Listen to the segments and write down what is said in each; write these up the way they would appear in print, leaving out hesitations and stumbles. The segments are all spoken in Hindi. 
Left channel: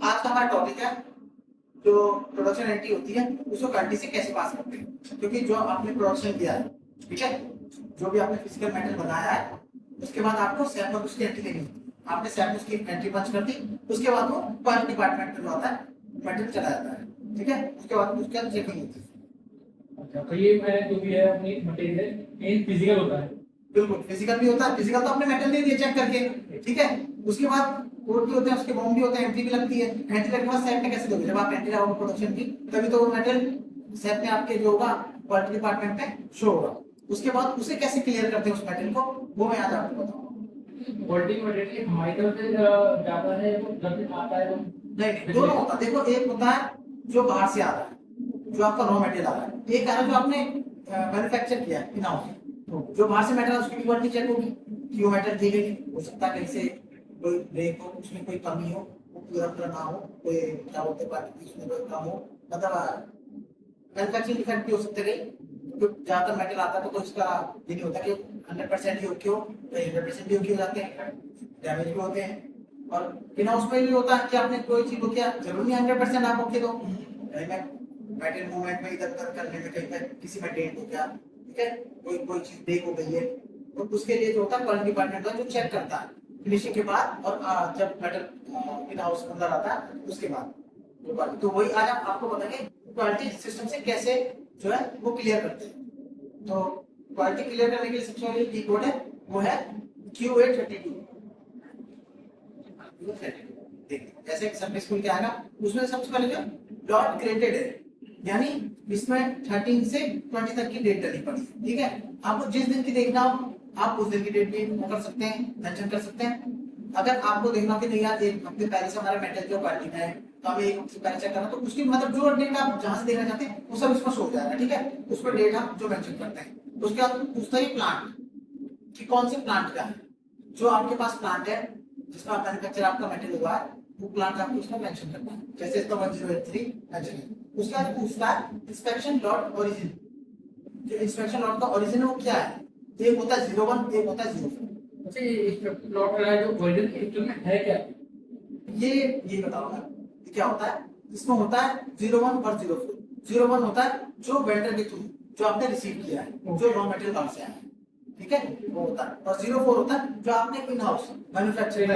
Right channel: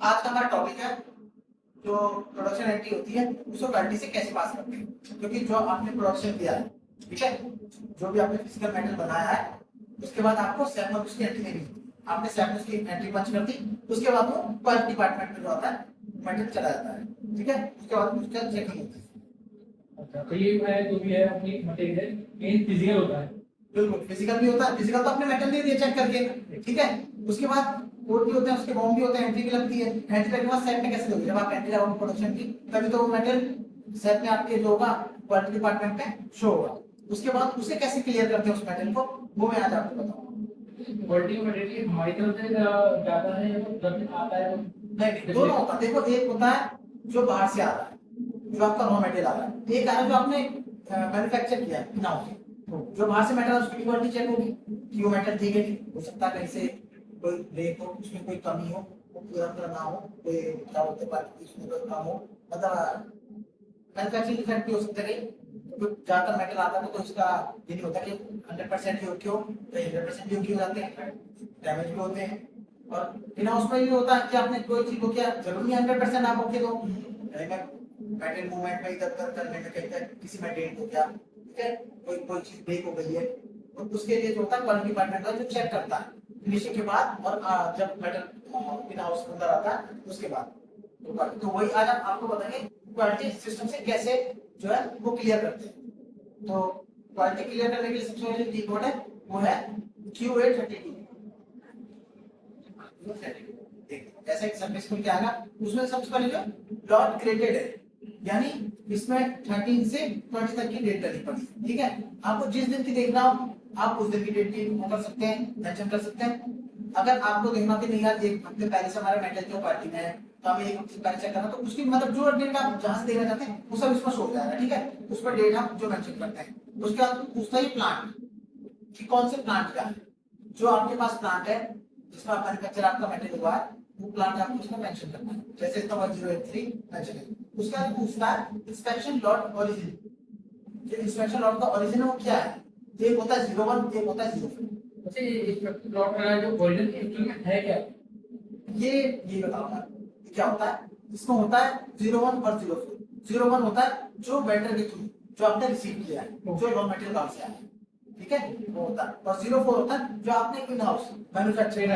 आज का हमारा टॉपिक है जो प्रोडक्शन एंट्री होती है उसको क्वालिटी से कैसे पास करते हैं, क्योंकि जो आपने प्रोडक्शन किया है, ठीक है, जो भी आपने फिजिकल मेटल बनाया है उसके बाद आपको सैप में उसकी एंट्री लेनी होती है। आपने सैप में उसकी एंट्री पंच कर दी, उसके बाद वो क्वालिटी डिपार्टमेंट में जो आता है मेटल चला जाता है, ठीक है, उसके बाद उसका चेकिंग होती है। अच्छा, तो ये मैं जो भी है अपनी मटेरियल ये फिजिकल होता है। बिल्कुल फिजिकल भी होता है, फिजिकल तो आपने मेटल दे दिया चेक करके, ठीक है, उसके बाद कोड भी होते हैं, उसके बॉम्ब भी होते हैं, एंट्री भी लगती है। एंट्री लगने के बाद सेट में कैसे दोगे, जब आप एंट्री लगाओगे प्रोडक्शन की तभी तो वो मेटल सेट में आपके जो होगा क्वालिटी डिपार्टमेंट में शो होगा। उसके बाद उसे कैसे क्लियर करते हैं उस मेटल को, वो मैं आज आपको बताऊंगा। क्वालिटी मटेरियल हमारी तरफ से जाता है जब आता है तो नहीं, दोनों होता है। देखो, एक होता है जो बाहर से आ रहा है, जो आपका रॉ मटेरियल आ रहा है, एक आ रहा है जो आपने मैन्युफैक्चर किया है इन हाउस। जो बाहर से मेटल उसकी क्वालिटी चेक होगी कि वो मेटल ठीक है नहीं, हो सकता है कहीं से कोई ब्रेक हो, उसमें कोई कमी हो, वो पूरा पूरा ना हो, कोई क्या बोलते हैं क्वालिटी उसमें कोई कम हो, मतलब मैन्युफैक्चरिंग डिफेक्ट भी हो सकते हैं। तो ज्यादातर मेटल आता है तो इसका ये नहीं होता कि 100% योग्य हो, तो 100% योग्य हो जाते हैं, डैमेज भी होते हैं। और बिना उसमें भी होता है कि आपने कोई चीज को किया, जरूरी नहीं 100% आप ओके दो, मेटल मूवमेंट में इधर उधर करने में कहीं पर किसी में डेंट हो गया, ठीक है, कोई कोई चीज ब्रेक हो गई है, तो उसके लिए जो होता है क्वालिटी डिपार्टमेंट जो चेक करता है फिनिशिंग के बाद, और जब मेटल इन हाउस अंदर आता है उसके बाद। तो वही आज हम आपको बताएंगे क्वालिटी सिस्टम से कैसे जो है वो क्लियर करते हैं। तो क्वालिटी क्लियर करने के लिए सबसे पहले की कोड है वो है QA32। जैसे एग्जाम्पल स्कूल के आएगा उसमें सबसे पहले जो डॉट ग्रेडेड है, यानी इसमें 13 से 20 तक की डेट डली पड़ी, ठीक है। आपको जिस दिन की देखना हो आप उस दिन की डेट भी कर सकते हैं, मेंशन कर सकते हैं। अगर आपको देखना कि नहीं यार एक हफ्ते पहले से हमारा मेटल जो क्वालिटी में है तो हमें एक हफ्ते पहले चेक करना, तो उसकी मतलब जो डेट आप जहां से देखना चाहते हैं वो सब इसमें शो हो जाएगा, ठीक है। उस पर डेट हम जो मेंशन करते हैं। उसके बाद पूछता है प्लांट कि कौन से प्लांट का है, जो आपके पास प्लांट है जिसमें आप मैन्युफैक्चर आपका मेटल हुआ है वो प्लांट आपको उसमें मेंशन करना है, जैसे इसका 1083 मेंशन है। उसके बाद पूछता है इंस्पेक्शन लॉट ओरिजिन, जो इंस्पेक्शन लॉट का ओरिजिन वो क्या है, एक होता है 01, एक होता है 04। अच्छा, ये प्लॉट का जो ओरिजिन एक्चुअल में है क्या? ये बताऊंगा ये क्या होता है। इसमें होता है 01 और 04। 01 होता है जो वेंडर के थ्रू जो आपने रिसीव किया है, जो रॉ मटेरियल कहाँ से आया है, ठीक है, वो होता है। और 04 होता है जो आपने इन हाउस मैन्युफैक्चरिंग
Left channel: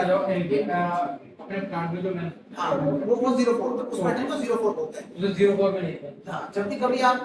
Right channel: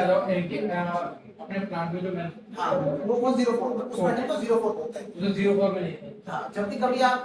अपने प्लांट में जो मैं हाँ वो 04 होता है, उस मेटल को 04 बोलते हैं। जो 04 में नहीं है। हाँ, जब भी कभी आप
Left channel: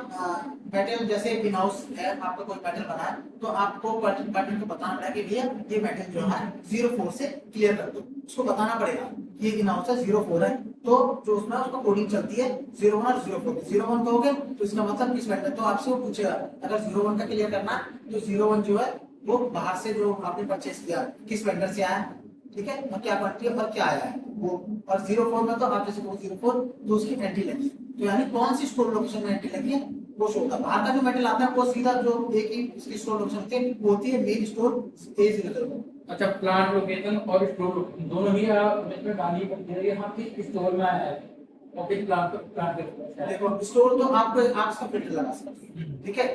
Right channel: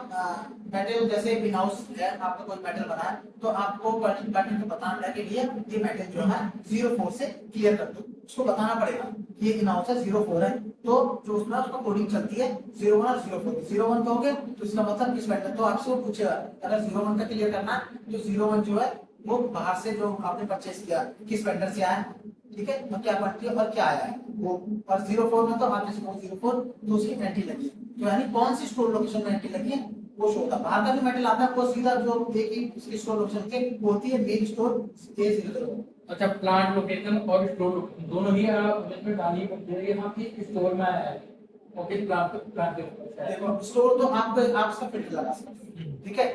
मेटल जैसे इन हाउस है आपका कोई मेटल बना है तो आपको क्वालिटी डिपार्टमेंट को बताना पड़ेगा कि भैया ये मेटल जो है 04 से क्लियर कर दो, उसको बताना पड़ेगा ये इन हाउस है 04 है। तो जो उसमें उसका कोडिंग चलती है 01 और 04। 01 कहोगे तो इसका मतलब किस मेटल, तो आपसे वो पूछेगा अगर 01 का क्लियर करना है तो 01 जो है वो बाहर से जो आपने परचेस किया किस वेंडर से आया, ठीक है, और क्या क्वांटिटी और क्या आया है वो। और 04 में तो आपने सपोज 04 तो उसकी एंट्री लगी, तो यानी कौन सी स्टोर लोकेशन में एंट्री लगी है वो शो होता है। बाहर का जो मेटल आता है वो सीधा जो एक ही इसकी स्टोर लोकेशन होती है मेन स्टोर A00। अच्छा, प्लांट लोकेशन और स्टोर लोकेशन दोनों ही इसमें डालनी पड़ती है, यहाँ की स्टोर में आया है और किस प्लांट के देखो स्टोर तो आप इसका फिल्टर लगा सकते हैं, ठीक है।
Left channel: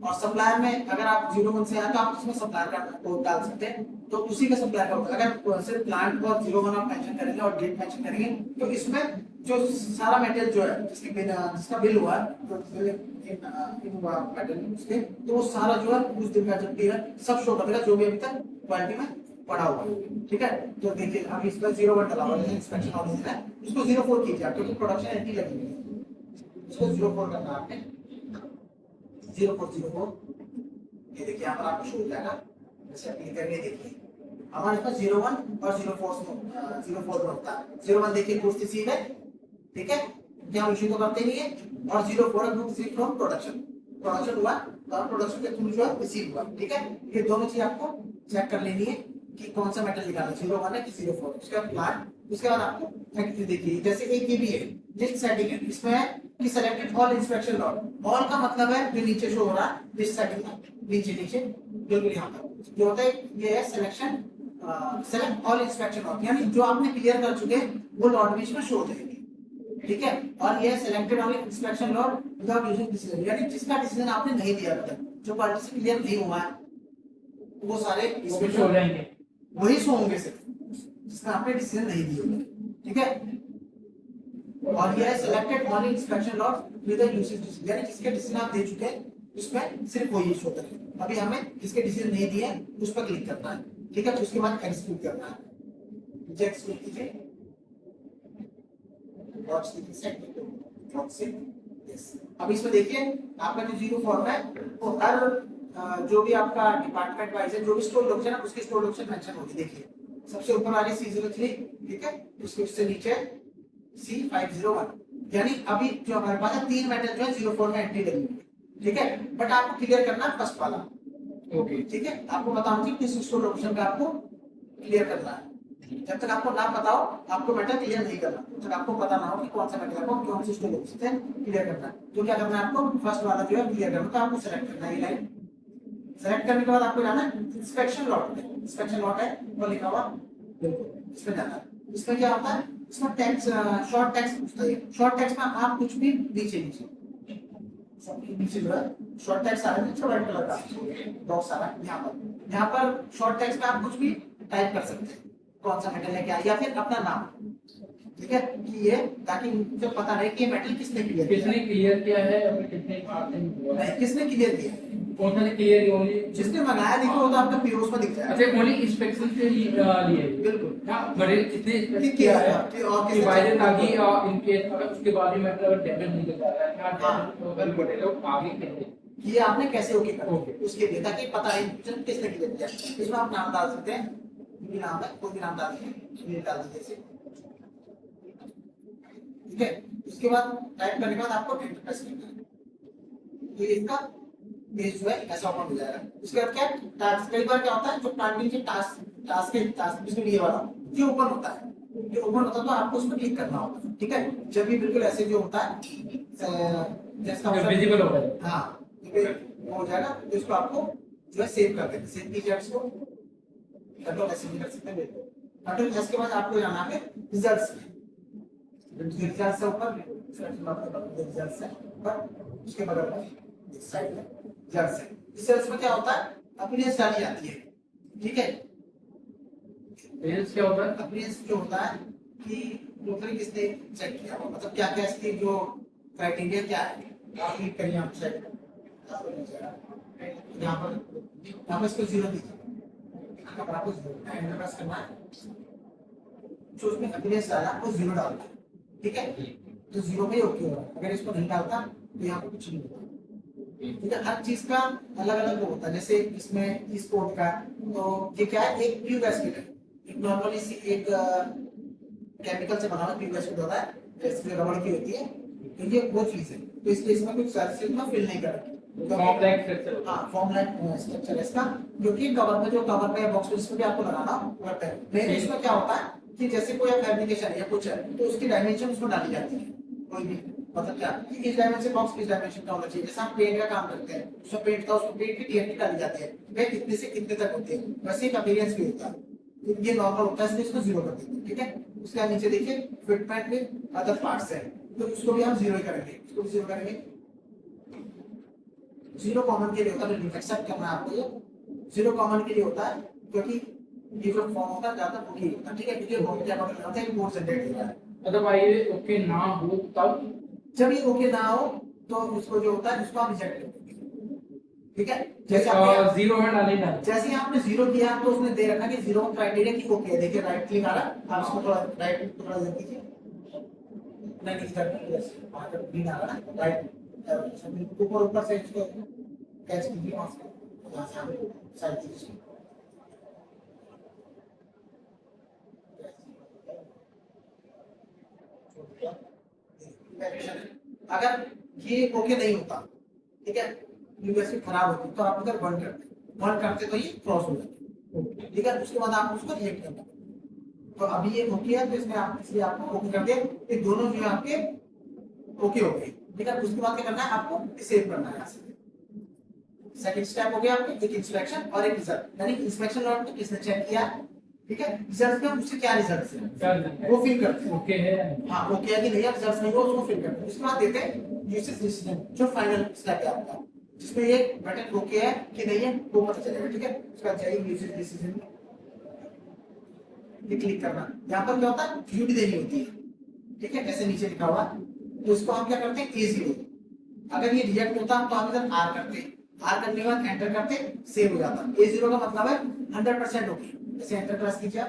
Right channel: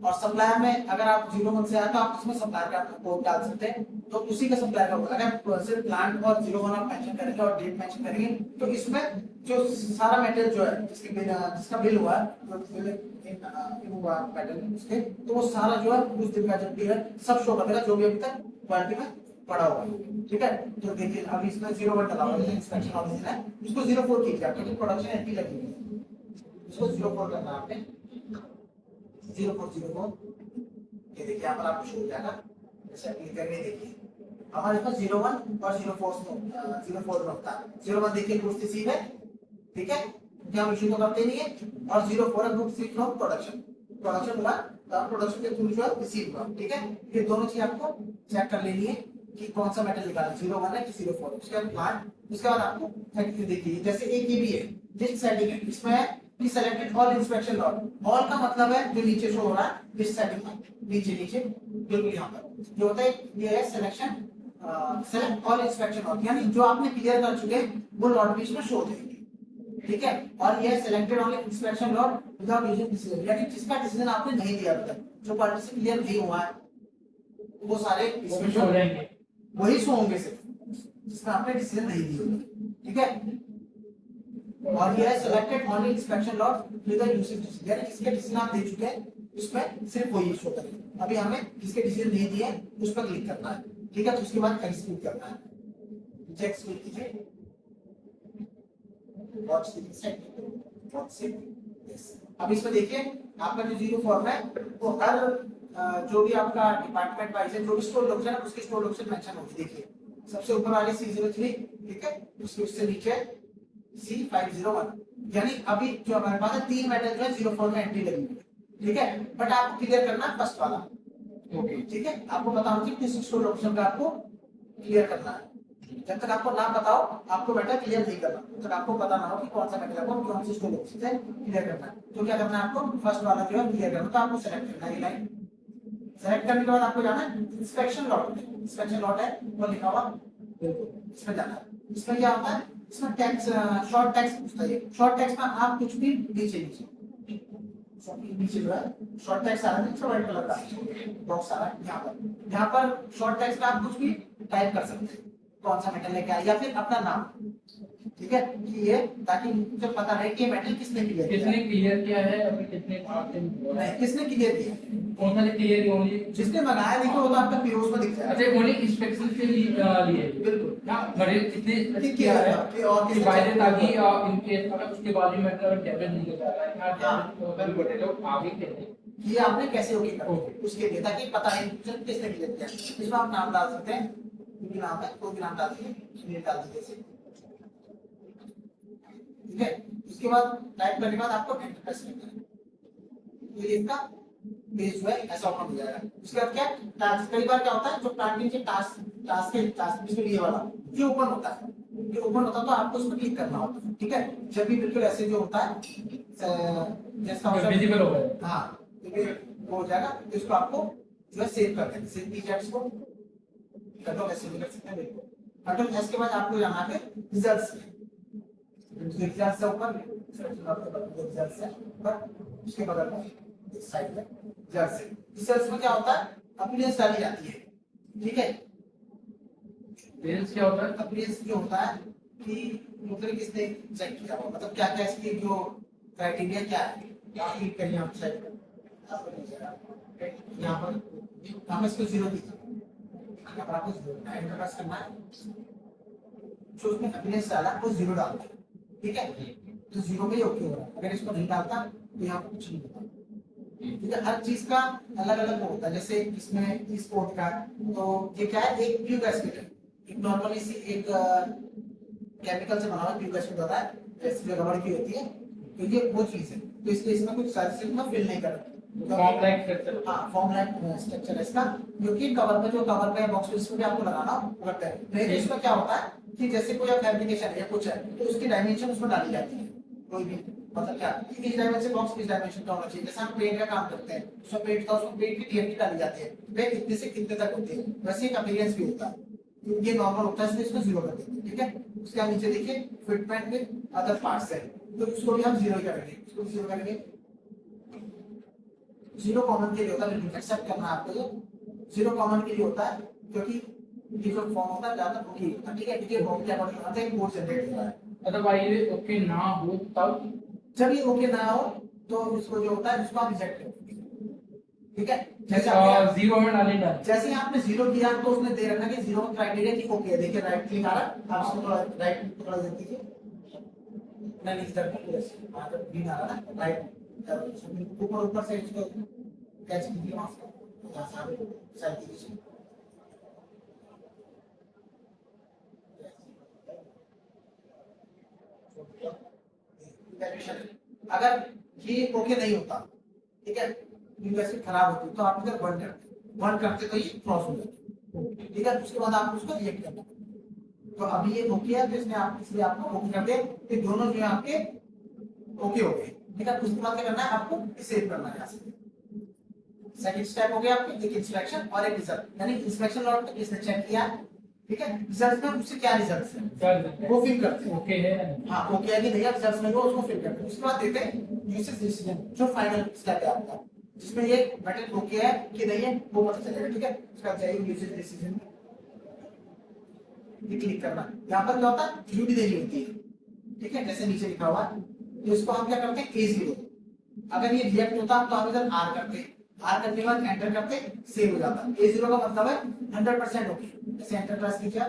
और सप्लायर में अगर आप 01 से आए तो आप उसमें सप्लायर का कोड डाल सकते हैं, तो उसी का सप्लायर का होगा। अगर सिर्फ प्लांट और 01 आप मेंशन करेंगे और डेट मेंशन करेंगे तो इसमें जो सारा मेटेरियल जो है जिसका बिल हुआ है हुआ मेटेरियल उसके, तो वो सारा जो है उस दिन का जब भी है सब शो कर देगा जो भी अभी तक क्वालिटी में पड़ा हुआ है, ठीक है। तो देखिए अभी इसमें 01 डला हुआ है, इंस्पेक्शन ऑर्डिनल है, उसको 04 कीजिए क्योंकि प्रोडक्शन एंट्री लगी हुई है, उसको 04 करना है आपने 0404। ये देखिए यहाँ पर आपको शो हो जाएगा, जैसे अप्लाई करेंगे देखिए हमारे पास 01 और 04 में होता है। 01 देखिए गुड्स रिसीव है, ठीक है, क्या हम इशू तो करते नहीं है, और 04 है गुड्स रिसीव फ्रॉम प्रोडक्शन हुआ तो प्रोडक्शन के थ्रू जो है रिसीव हुआ, ठीक है। ये दोनों चीज आपको चेक कर लेनी है कि कौन सा मेटल निकालना 01 है कि 04। उसके बाद प्लांट, उसके बाद आपको फैक्ट्री देखिए, जैसे एक ये भी है लिस्ट सेटिंग है, इसमें है कि selected all inspection lot. All का मतलब है जो नीचे शो हो रहा है लिस्ट सेटिंग में नीचे नीचे बिल्कुल यहाँ पर जो होता है ये है selection select all inspection lot, यानी जो आपने क्लियर कर चुके हैं वो लॉट भी इसमें शो हो जाएंगे, ठीक है। और ये selected all inspection lot without using decision, यानी जिसका डिसीजन आपने नहीं दिया अभी तक, जो क्वालिटी से क्लियर नहीं हुआ है वो सारे इसमें हो जाएंगे, वही शो होंगे सिर्फ जिसका आपने डिसीजन नहीं दिया, ठीक है। और ये है selected only inspection lot with the usage decision, यानी जिसके डिसीजन आप दे चुके हैं उसमें सिर्फ वही शो करेगा। अभी हमें जिसके डिसीजन नहीं दिए उस पर क्लिक करना है, ठीक है। तो उसके बाद एग्जीक्यूट करना है, एग्जीक्यूट कीजिए, वॉच द सेट वॉच से यस। अब इसमें देखिए आपका जो जीरो फॉर्म है वो हर जो भी आपका डिपार्टमेंट वाइज है, जो भी स्टोर लोकेशन है उसकी स्टोर लोकेशन मेंशन होगी। देखिए सबसे ऊपर वाले C03, ठीक है, उसके नीचे C501, यानी अभी जो हमारे पास है 3 मेटल जो है 04 में एंट्री लगी हुई है, ठीक है। बट आपको क्लियर करना है फर्स्ट वाला, ओके, ठीक है। आपको बताना चाहिए किस स्टोर लोकेशन का आपको क्लियर करना है। जब तक आपको ना बताओ आपको मेटल क्लियर नहीं करना, जब तक आपको पता ना हो कि कौन सा मेटल आपको कौन सी स्टोर लोकेशन से क्लियर करना है। तो क्या करना है, आपको फर्स्ट वाला जो है क्लियर करना, तो आपको सेलेक्ट करना है ये लाइन। सेलेक्ट करने के बाद आपको जाना है इंस्पेक्शन लॉट में, इंस्पेक्शन लॉट है वो लिखा हुआ, बिल्कुल इसमें जाना है। इसमें क्या होता है, इसमें टेक्स्ट शॉर्ट टेक्स्ट पूछता है। शॉर्ट टेक्स्ट में आप कुछ भी नीचे नीचे जो है शॉर्ट टेक्स्ट आ रहा है, नीचे व्हाइट कलर का बॉक्स आ रहा है यहाँ पर शॉर्ट टेक्स्ट में आप कुछ भी टाइप कर सकते हैं, कौन सा मेटल है क्या, या फिर अपना नाम, ठीक है। कि ये ताकि मुझे पता रहे कि मेटल किसने क्लियर किया है, अभी कितने नहीं किसने क्लियर किया, कौन सा क्लियर किया होगी, जिसने मंगाया देखो वो तो आपका पीओस में दिख जाएगा। अच्छा ओनली इंस्पेक्शन से लिए बिल्कुल मटेरियल कितने ठीक किया है, है कि और किसने डिवाइडेड, check ताकि किया। इन केस अगर उसके बाद भी मतलब डैमेज नहीं होता है या हाँ। डैमेज हो गए तो आगे कैसे ये आपने कैसे ओके कर ओके। उसके लिए, ताकि पता है किसने क्लियर किया। इसमें आप नाम डाल सकते हैं, कोई भी नाम है, कोई भी नाम डाल दीजिए, सुनील डाल दीजिए इसे, ठीक है। उसके बाद टाइप करने के बाद आपको एंटर प्रेस करना है, तो ये इसका पेज जो है ऐसा ओपन हो जाएगा। उसके बाद क्या टास्क, कई बार क्या होता है जो टारगेट के टास्क इसमें ये वाला ये ओपन होता है, ये ओपन होता है तो आपको उस पर क्लिक करना होता है, ठीक है। जब भी बिल्कुल ऐसे जो होता है जैसा विजिबल होता है, हाँ वो हो जाएगा, तो इसको आपको जो है सेव कर देना, सेव कीजिए इसको, कंट्रोल एस कर सकते हैं, बिल्कुल कंट्रोल एस के बाद आपको जाना है रिजल्ट्स में, रिजल्ट से ऊपर रिजल्ट से ऊपर उसके बगल में इस साइड में रिजल्ट से, रिजल्ट्स में क्या होता है अपीयरेंस डाली जाती है, ठीक है। पेज क्या होता है, अपीयरेंस जो होता है कि मतलब किसने चेक किया हो, मतलब क्या क्या इसकी जो क्राइटेरिया क्या है, आप क्लिक करिए, आप चेक यहाँ पर इसको 0 दीजिए, आपको एंटर प्रेस करना है, जो उसमें अपीयरेंस डाला वो 0 डालना है, ठीक है। तो 0 पे ओके होगा, अगर इसको नहीं डालता तो यहाँ पर कुछ नहीं होता, ठीक है। हर चीज का अलग अलग होता है, जैसे इसमें इस कोड का तो ये क्या है, एक ट्यूब एसिड है, एक नॉर्मली सी एक केमिकल से बना हुआ ट्यूब एसिड होता है, जैसे जो रबड़ की होती है, तो ये वो चीज है। तो इसलिए इसमें कुछ सैचुरेशन में फिल नहीं करेंगे, फॉर्म लाइक स्ट्रक्चर, हाँ फॉर्म लाइक स्ट्रक्चर है इसका, जो कि कवर में जो कवर में बॉक्स इसमें भी आपको लगाना पड़ता है। नहीं तो इसमें क्या होता है कि जैसे कोई फैब्रिकेशन या कुछ है तो उसकी डायमेंशन उसमें डाली जाती है, कोई भी मतलब क्या इस डायमेंशन बॉक्स इस डायमेंशन का होना चाहिए। जैसे हम पेंट का काम करते हैं, उसमें पेंट का उसमें पेंट की टीएफटी डाली जाती है, वे कितने से कितने तक होते हैं, वैसे एक अपीयरेंस भी होता है, तो ये नॉर्मल होता है इसलिए इसको 0 कर देते हैं, ठीक है। उसके नीचे देखिए फिटमेंट विद अदर पार्ट्स है, तो उसको भी हम 0 ही करेंगे, इसको 0 करेंगे। 0 कॉमन के लिए होता है, एक्सेप्ट करना है आपको, ये 0 कॉमन के लिए होता है क्योंकि ये जो फॉर्म होता है ज्यादा बुकी होता है, ठीक है, क्योंकि वो क्या होता है कोड जनरेट होता है। अदरवाइज ओके ना हो तब, जब ये ओके ना हो तो उसको जो होता है उसको आप रिजेक्ट कर देंगे, ठीक है। जैसे 0 में डालेगा, जैसे ही आपने 0 किया तो उसने दे रखा कि 0 क्राइटेरिया की ओके, देखिए राइट क्लिक आ रहा है, आप इसको थोड़ा राइट क्लिक थोड़ा इधर कीजिए, नहीं इधर यस वहां पर ग्रीन आ रहा है राइट, ऊपर ऊपर से इसको कैच कीजिए, वहां से यहां से आप साइड कीजिए, अगर ये ओके नहीं होता, ठीक है, यूनिवर्सिटी खराब होती तो आप इधर बंद करते तो ये क्रॉस हो जाती, ठीक है। उसके बाद आप उसको रिजेक्ट करना, तो अभी ये ओके है तो इसमें आप इसलिए आपको ओके कर दिया, ये दोनों जो है आपके ओके हो गए, ठीक है। उसके बाद क्या करना है, आपको सेव करना है यहाँ से। सेकंड स्टेप हो गया आपके, एक इंस्पेक्शन और एक रिजल्ट, यानी इंस्पेक्शन लॉट में किसने चेक किया, ठीक है, रिजल्ट में उससे क्या रिजल्ट्स हैं वो फिल करते हैं, ओके है, हाँ ओके है कि नहीं, रिजल्ट्स में वो उसको फिल करते हैं। उसके बाद देते हैं यूसेज डिसीजन, जो फाइनल स्टेप है आपका, जिसमें ये मेटल ओके है कि नहीं है वो पता चलेगा, ठीक है। उसके बाद जाइए यूसेज डिसीजन, ये क्लिक करना, यहाँ पर क्या होता है ड्यूटी देनी होती है, ठीक है, जैसे नीचे लिखा हुआ है। तो इसको हम क्या करते हैं A0। अगर ये रिजेक्ट होता तो हम इधर R करते, R करने के बाद एंटर करते, सेव हो जाता। A0 का मतलब है 100% ओके। जैसे एंटर प्रेस कीजिए,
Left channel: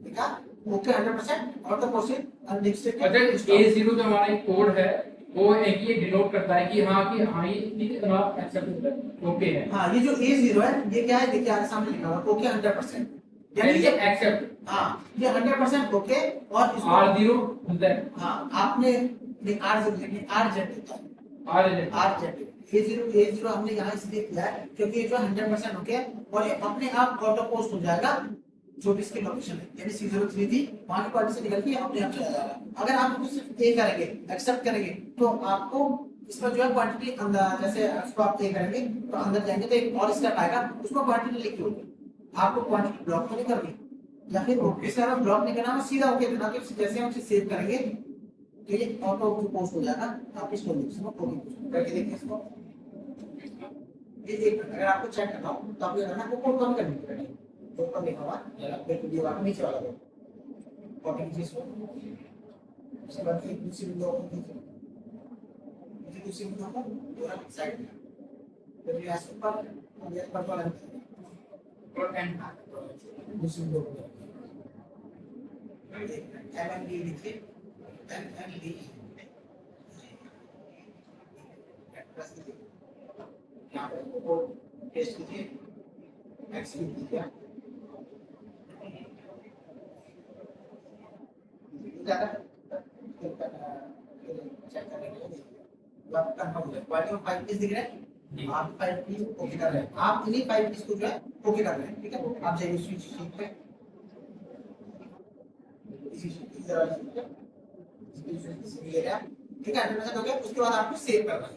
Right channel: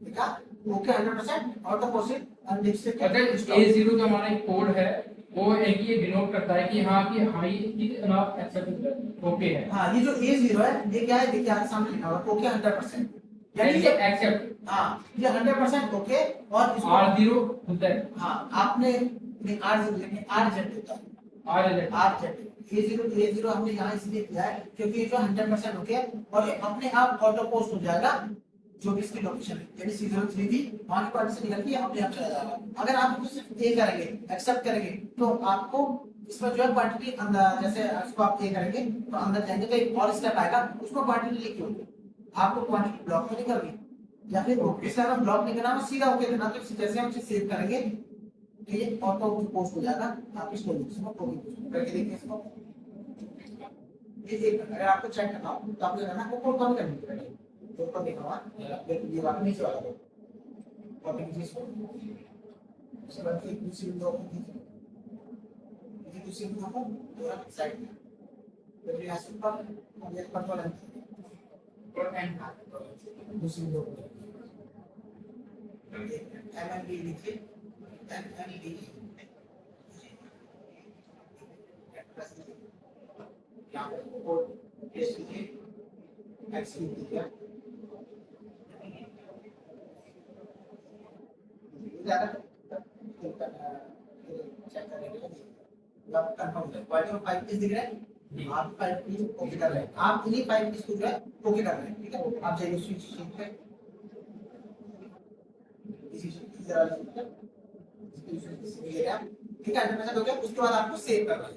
ठीक है, ओके 100% और तो प्रोसीड अनडिस्ट्रिक्टेड। अगर A0 जो हमारा कोड है वो है कि ये डिनोट करता है कि हाँ ये एक्सेप्ट ओके है। हाँ, ये जो A0 है ये क्या है, देखिए आपके सामने लिखा हुआ है ओके 100%, यानी यानी ये कि एक्सेप्ट हाँ ये 100% ओके। और इसको R0 होता है, हाँ आपने R0 लेकिन R होता है, R A0 हमने यहाँ इसलिए किया है क्योंकि ये जो 100% ओके और ये अपने आप ऑटो पोस्ट हो जाएगा जो भी इसकी लोकेशन है, यानी C03 थी वहाँ की क्वालिटी से निकल के अपने आप चला जाएगा। अगर आप सिर्फ ए करेंगे, एक्सेप्ट करेंगे, तो आपको इसमें जो है क्वांटिटी अंदर, जैसे उसको आप ए करेंगे तो अंदर जाएंगे तो एक और स्टेप आएगा, उसको क्वांटिटी लिखी होगी, आपको क्वांटिटी ब्लॉक तो नहीं करनी, या फिर इससे हमें ब्लॉक नहीं करना, हमें सीधा ओके देना। तो जैसे हम सेव करेंगे तो ये ऑटो पोस्ट हो जाएगा आपकी स्टोरेज में। करके देखिए इसको, ये एक अगर आपको चेक करना हो तो आपको करना है कोड कम करनी पड़ेगी। तो ऊपर लिखा हुआ है वीडियो का नीचे वाला को कॉपी कीजिए इसको, उसके बाद एक दूसरी विंडो ओपन कीजिए, ये दूसरी विंडो को पूरा साइड में फिर ये इसके ऊपर और ये ऊपर वाला और एंड दूसरी विंडो को एमएमडी लिखिए, एमएमडी यहाँ पर कोड पेस्ट कीजिए, एक्सक्यूट कीजिए, चेक करेंगे बट कंफर्म है क्वालिटी ऑफ 5 पीस दिख रहा है, आप 5 पीस ओके कर रहे हैं, आप इन्हीं 5 पीस को जो है ओके कर रहे हैं। ठीक है, आप जाइए स्विच शीट पे, इसी तरह ठीक है, एनिमेशन हो गया। उसके बाद आपको सेव करना है।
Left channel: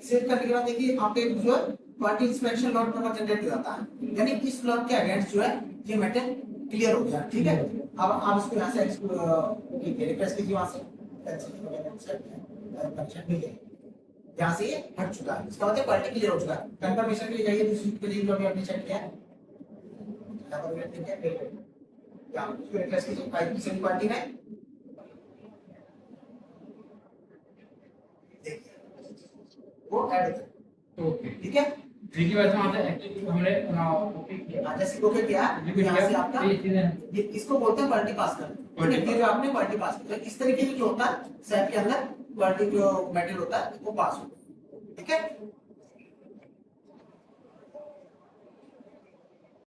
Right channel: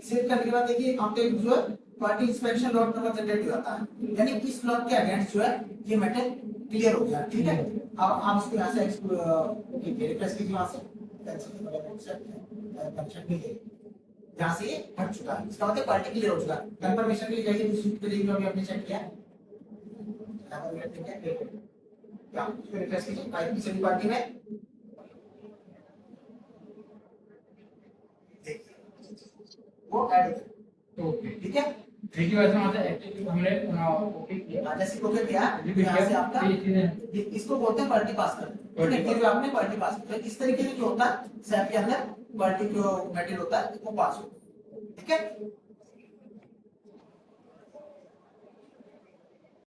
सेव करने के बाद देखिए आपके जो quality inspection lot number generate हो जाता है, यानी इस ब्लॉक के अगेंस्ट जो है ये मेटल क्लियर हो गया। ठीक है, अब आप इसको यहाँ से ओके रिफ्रेश कीजिए, वहाँ से यहाँ से ये हट चुका है, इसका मतलब क्वालिटी क्लियर हो चुका है। कंफर्मेशन के लिए जाइए दूसरी पेज में, अभी आपने चेक किया है, यहाँ पर वेट देखिए, इसको रिफ्रेश कीजिए 5 की सभी पार्टी में, वो ऐड हो ओके। ठीक है। देखिए वैसे वहाँ से एक्चुअली हमने कॉपी किया, जैसे ओके किया यहाँ से आपका ये इसको बोलते हैं क्वालिटी पास कर, ठीक है, जो आपने क्वालिटी पास किया इस तरीके से जो होता है सैप के अंदर क्वालिटी जो मेटेरियल होता है वो पास होता है। ठीक है।